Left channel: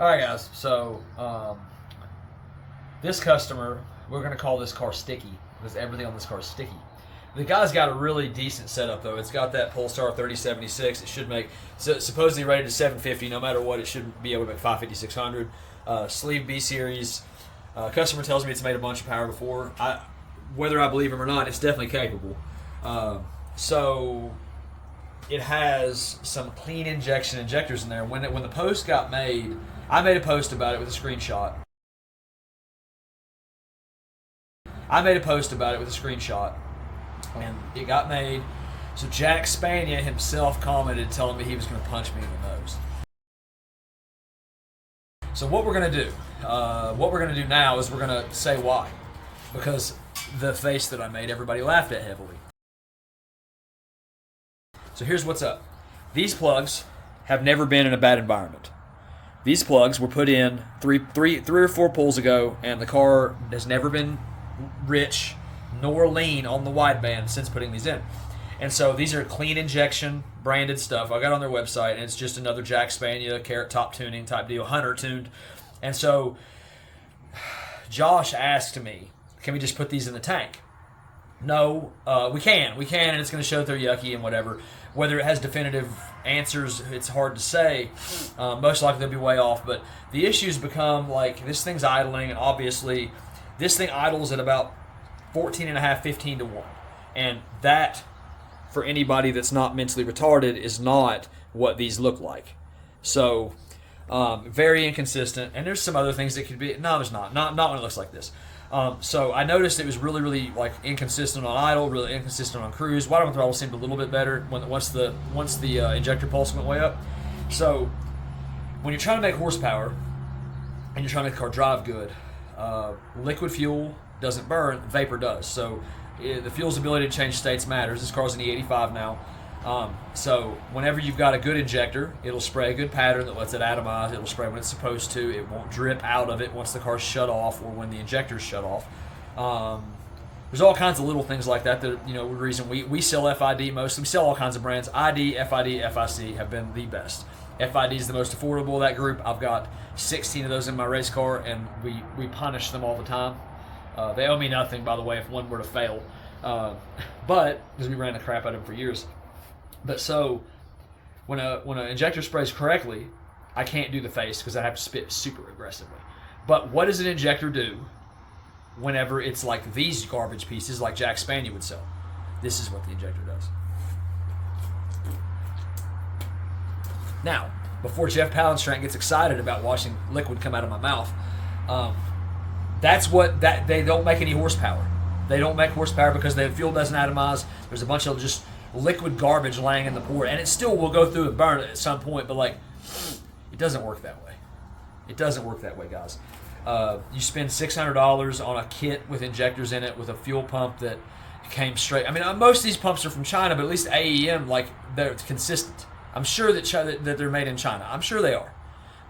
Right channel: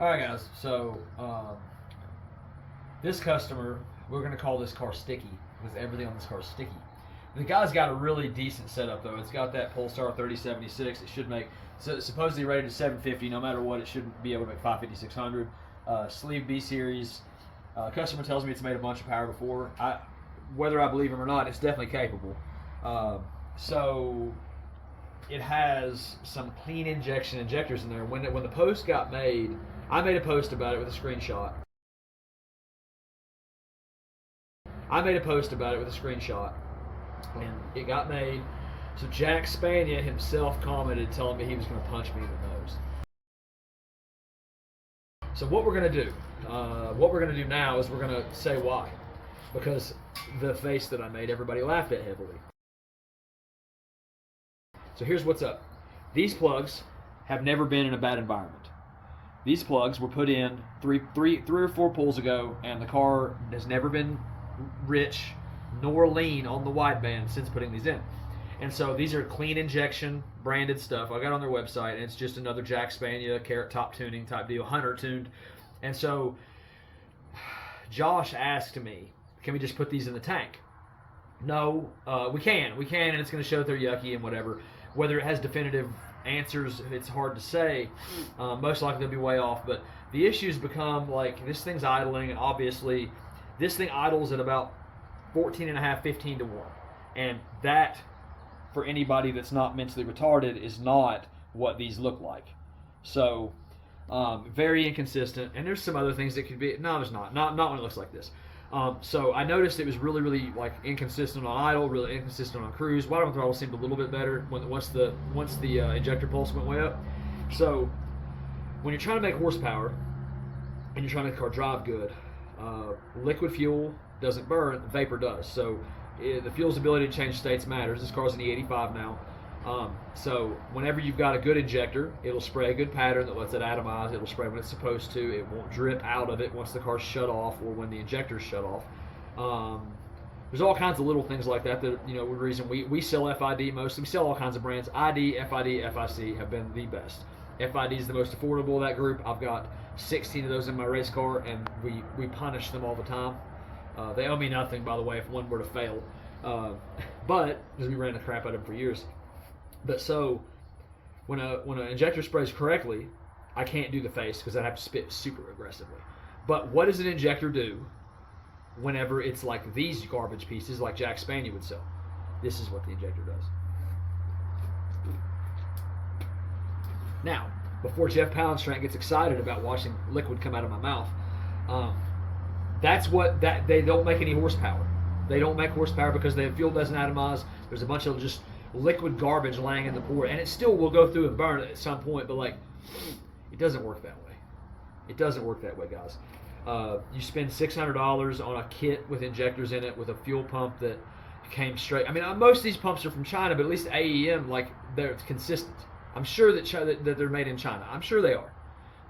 All right, guys. So this customer, we're gonna call this car sticky because everything on this car is sticky. The guy's got a really decent setup though. It's got that Polestar 3076. It should make supposedly rated to 750. No matter what, it should be able to make 550, 600. Sleeve B series. Customer tells me it's made a bunch of power before. Whether I believe him or not, it's definitely capable. So it has some clean injection injectors in there. When the post got made, I made a post about it with a screenshot. And it got made. So Jack Spania himself commented telling me he was going to punch me in the nose. So what we're going to do, now is we're going to say why. Because the face that I made, everybody laughed at heavily. So here's what's up. These plugs have never been in a bad environment. These plugs were put in three or four pulls ago, and the car has never been rich nor lean on the wideband since putting these in. And so these are clean injection branded stuff. I got on their website, and it's just another Jack Spania Carrot Top tuning type deal, Hunter tuned. And so Josh asked me, can we just put these in the tank? No, we can, and it's going to show that they're yucky and whatever. Whether it has definitive answers, it's hard to say. Most likely they'll be way off, but the issues become like this thing's idling, and obviously this thing idles at about 14.5, 15 to 1. And that, for anybody that's not mentally retarded, is not what these look like. So, very inconsistent. And there's some other things that could be. No, there's not. Not when it looks like this. So I noticed it was really, really like inconsistent on idle, really inconsistent on cruise. Bottom throttle seemed a little bit better once the injector pulse went way up. So when you're trying to make horsepower and you're trying to make the car drive good, liquid fuel doesn't burn, vapor does. So the fuel's ability to change states matters. This car's an E85 now. So whenever you've got a good injector, it'll spray a good pattern that lets it atomize. It'll spray when it's supposed to. It won't drip out of it once the car's shut off or when the injector's shut off. There's all kinds of little things like that the reason we sell FID mostly. We sell all kinds of brands. ID, FID, FIC have been the best. FID is the most affordable of that group. I've got 16 of those in my race car, and we punish them all the time. They owe me nothing, by the way, if one were to fail. But because we ran the crap out of them for years. But so when an injector sprays correctly, I can't do the face because I have to spit super aggressively. But what does an injector do whenever it's like these garbage pieces like Jack Spania would sell? This is what the injector does. Now, before Jeff Palenstrand gets excited about watching liquid come out of my mouth, they don't make any horsepower. They don't make horsepower because the fuel doesn't atomize. There's a bunch of just liquid garbage laying in the port, and it still will go through and burn at some point, but like it doesn't work that way. It doesn't work that way, guys. You spend $600 on a kit with injectors in it with a fuel pump that came straight. I mean, most of these pumps are from China, but at least AEM, like, they're consistent. I'm sure that they're made in China. I'm sure they are.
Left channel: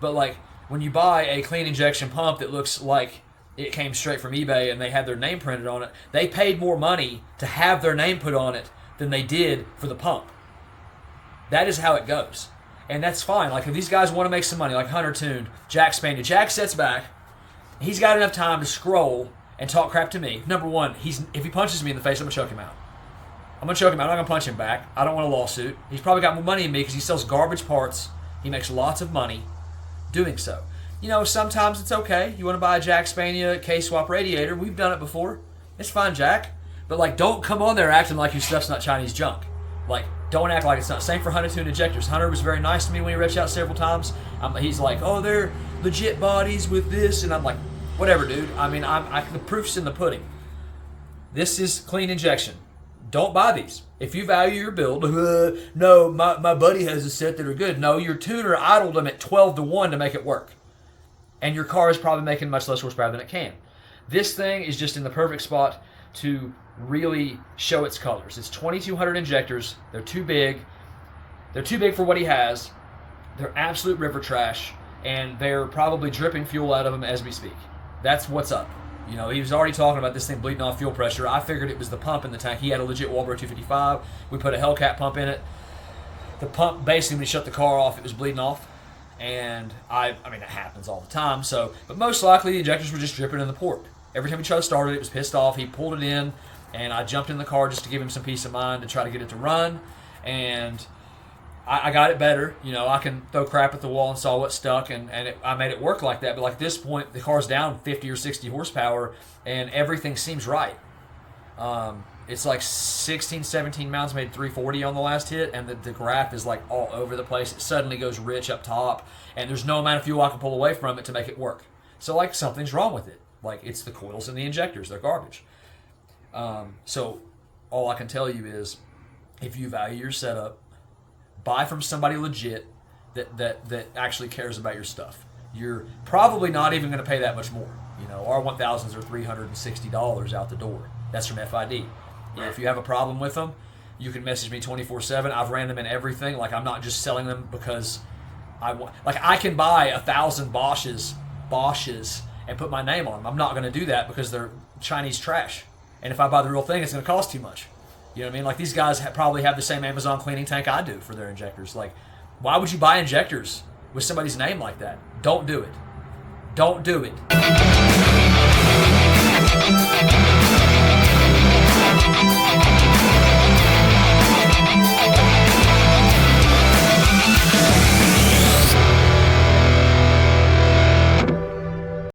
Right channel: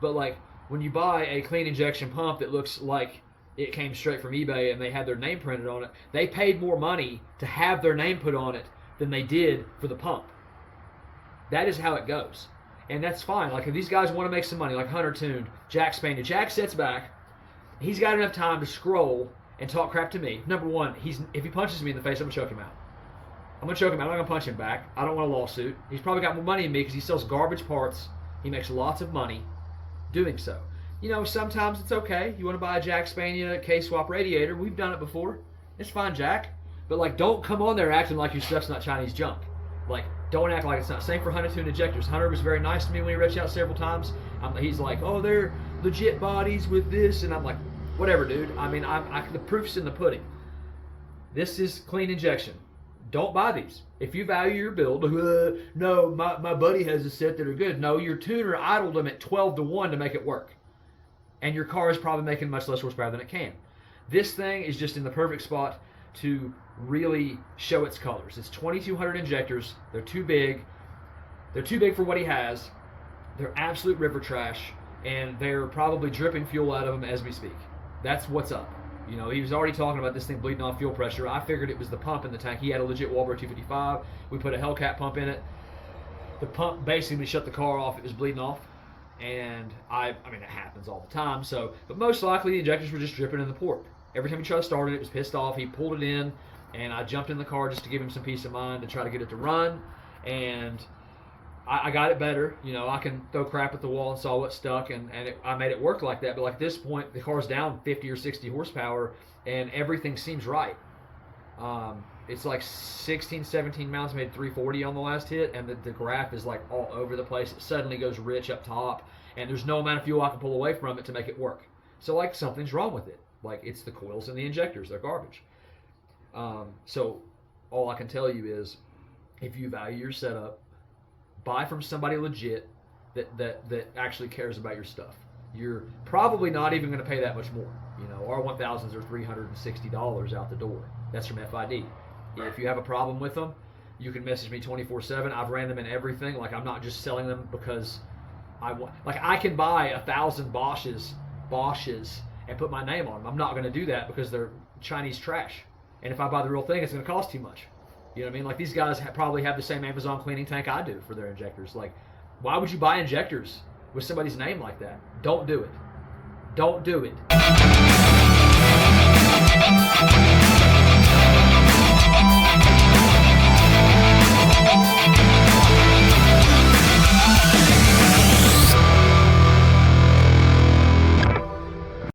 But like when you buy a clean injection pump that looks like it came straight from eBay and they had their name printed on it, they paid more money to have their name put on it than they did for the pump. That is how it goes. And that's fine. Like if these guys want to make some money, like Hunter tuned, Jack Spania, Jack sits back, he's got enough time to scroll and talk crap to me. Number one, if he punches me in the face, I'm going to choke him out. I'm not going to punch him back. I don't want a lawsuit. He's probably got more money than me because he sells garbage parts. He makes lots of money doing so. Sometimes it's okay. You want to buy a Jack Spania K-swap radiator. We've done it before. It's fine, Jack. But like, don't come on there acting like your stuff's not Chinese junk. Like, don't act like it's not. Same for Hunter tuned injectors. Hunter was very nice to me when he reached out several times. He's like, oh, they're legit bodies with this, and I'm like, whatever, dude. I mean, the proof's in the pudding. This is clean injection. Don't buy these. If you value your build, no, my buddy has a set that are good. No, your tuner idled them at 12 to 1 to make it work. And your car is probably making much less horsepower than it can. This thing is just in the perfect spot to really show its colors. It's 2,200 injectors. They're too big. They're too big for what he has. They're absolute river trash, and they're probably dripping fuel out of them as we speak. That's what's up. He was already talking about this thing bleeding off fuel pressure. I figured it was the pump in the tank. He had a legit Walbro 255. We put a Hellcat pump in it. The pump, basically, when he shut the car off, it was bleeding off. And I mean, it happens all the time. So, but most likely the injectors were just dripping in the port. Every time he tried to start it, it was pissed off. He pulled it in, and I jumped in the car just to give him some peace of mind to try to get it to run. And I got it better. You know, I can throw crap at the wall and saw what stuck, and I made it work like that. But like at this point, the car's down 50 or 60 horsepower, and everything seems right. It's like 16, 17 miles, made 340 on the last hit, and the graph is like all over the place. It suddenly goes rich up top, and there's no amount of fuel I can pull away from it to make it work. So like something's wrong with it. Like it's the coils and the injectors, they're garbage. So all I can tell you is, if you value your setup, buy from somebody legit that actually cares about your stuff. You're probably not even going to pay that much more. You know, our 1000s are $360 out the door. That's from FID. If you have a problem with them, you can message me 24/7. I've ran them in everything. Like, I'm not just selling them because I want. Like, I can buy 1,000 Bosches and put my name on them. I'm not going to do that because they're Chinese trash. And if I buy the real thing, it's going to cost too much. You know what I mean? Like, these guys probably have the same Amazon cleaning tank I do for their injectors. Like, why would you buy injectors with somebody's name like that? Don't do it. Don't do it.